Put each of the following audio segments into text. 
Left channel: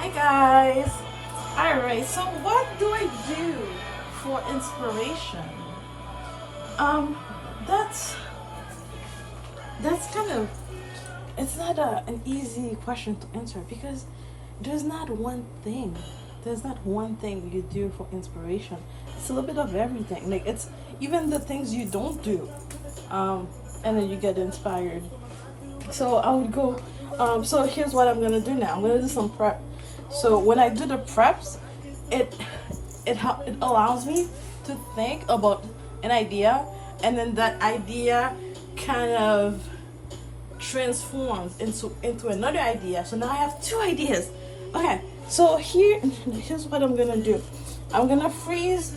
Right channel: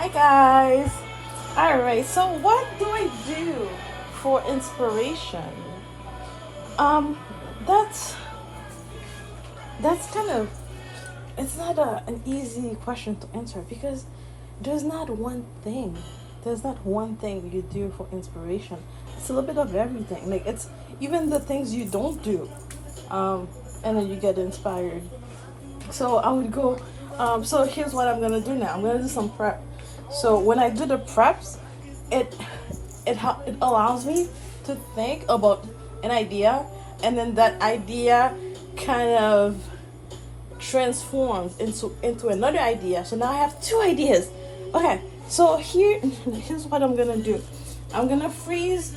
Hi guys. All right, so what do I do for inspiration? That's kind of, it's not an easy question to answer because there's not one thing. There's not one thing you do for inspiration. It's a little bit of everything. Like it's even the things you don't do, and then you get inspired. So I would go. So here's what I'm gonna do now. I'm gonna do some prep. So when I do the preps, it allows me to think about an idea, and then that idea kind of transforms into another idea. So now I have two ideas. Okay, so here's what I'm gonna do. I'm gonna freeze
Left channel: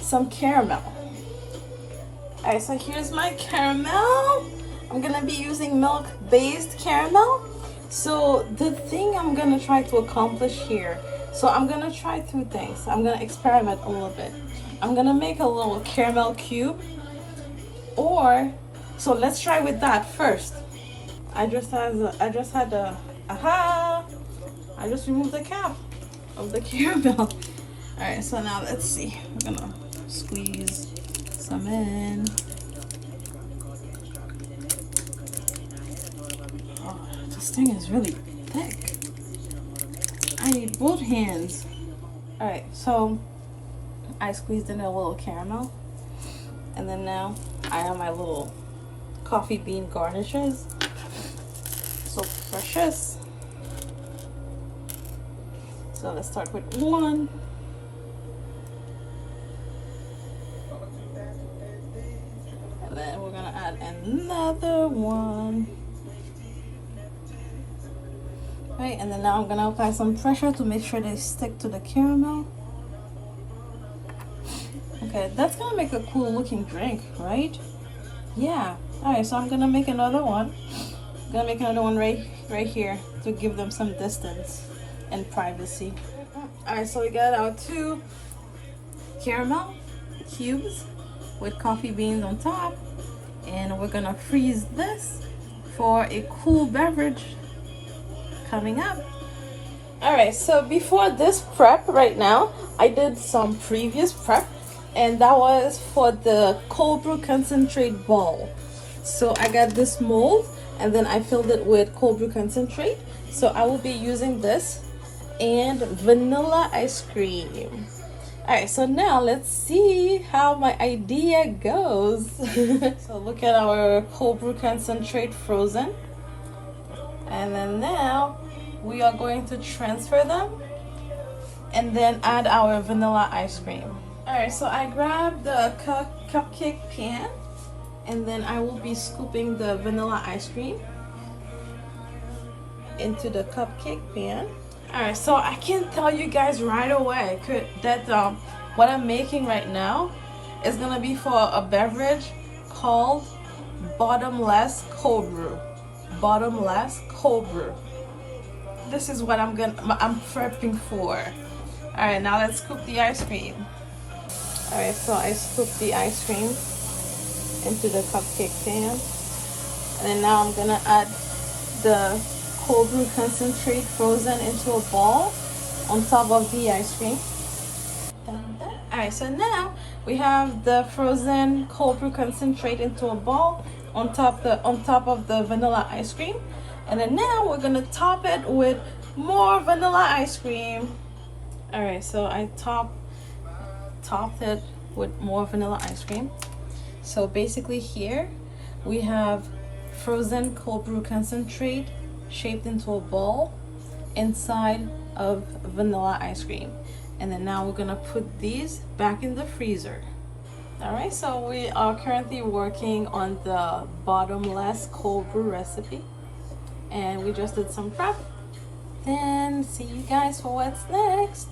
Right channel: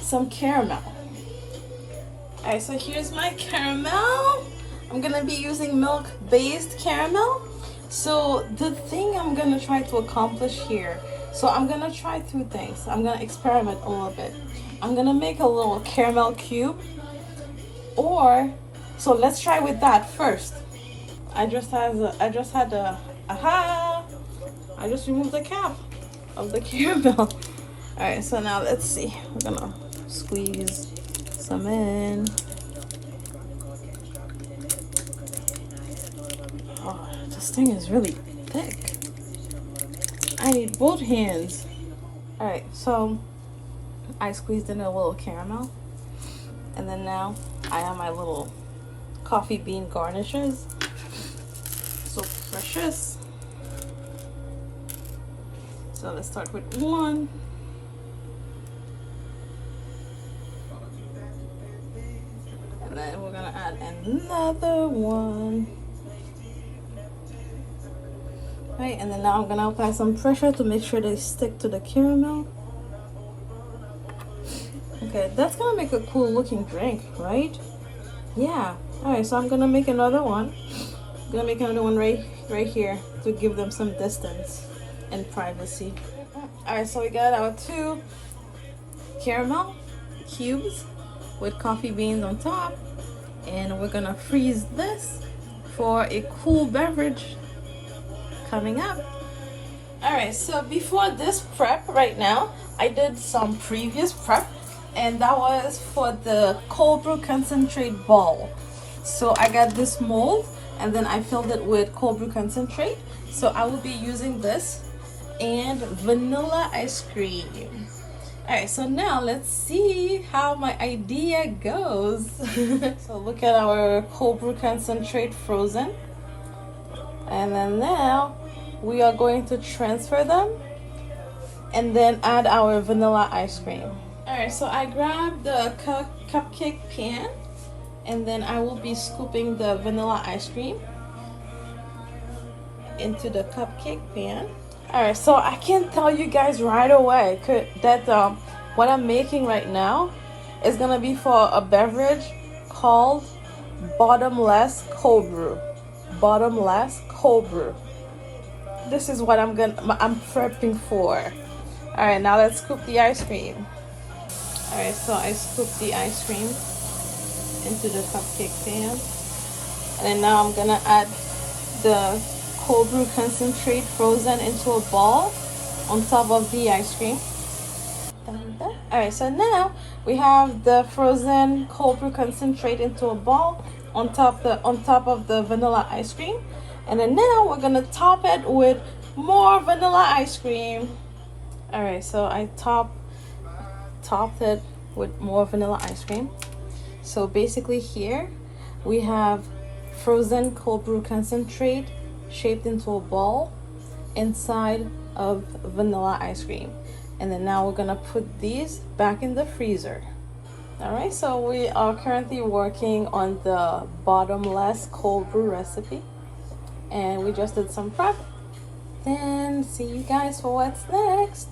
some caramel. Alright, so here's my caramel. I'm gonna be using milk-based caramel. So the thing I'm gonna try to accomplish here, so I'm gonna try two things. I'm gonna experiment a little bit. I'm gonna make a little caramel cube, so let's try with that first. I just removed the cap of the caramel. All right, so now let's see. We're gonna squeeze some in. Oh, this thing is really thick. I need both hands. All right, so I squeezed in a little caramel, and then now I have my little coffee bean garnishes. So precious. So let's start with one. And then we're gonna add another one. Right, and then now I'm gonna apply some pressure to make sure they stick to the caramel. Okay, that's gonna make a cool looking drink, right? Yeah. Alright, so I'm gonna make another one. I'm gonna make another one right here to give them some distance and privacy. Alright, so we got our two caramel cubes with coffee beans on top, and we're gonna freeze this for a cool beverage coming up. Alright, so before this prep right now, I did some previous prep, and that was for the cold brew concentrate ball. So I got this mold, and then I filled it with cold brew concentrate. So I will be using this and vanilla ice cream. Alright, so now let's see how my idea goes. So look at our cold brew concentrate frozen. And then now we are going to transfer them and then add our vanilla ice cream. Alright, so I grabbed the cupcake pan, and then I will be scooping the vanilla ice cream into the cupcake pan. Alright, so I can tell you guys right away that what I'm making right now is gonna be for a beverage called bottomless cold brew. Bottomless cold brew. This is what I'm prepping for. Alright, now let's scoop the ice cream. Alright, so I scooped the ice cream into the cupcake pan, and then now I'm gonna add the cold brew concentrate frozen into a ball on top of the ice cream. Alright, so now we have the frozen cold brew concentrate into a ball on top of the vanilla ice cream, and then now we're gonna top it with more vanilla ice cream. Alright, so I topped it with more vanilla ice cream. So basically here we have frozen cold brew concentrate shaped into a ball inside of vanilla ice cream, and then now we're gonna put these back in the freezer. All right, so we are currently working on the bottomless cold brew recipe, and we just did some prep, and see you guys for what's next.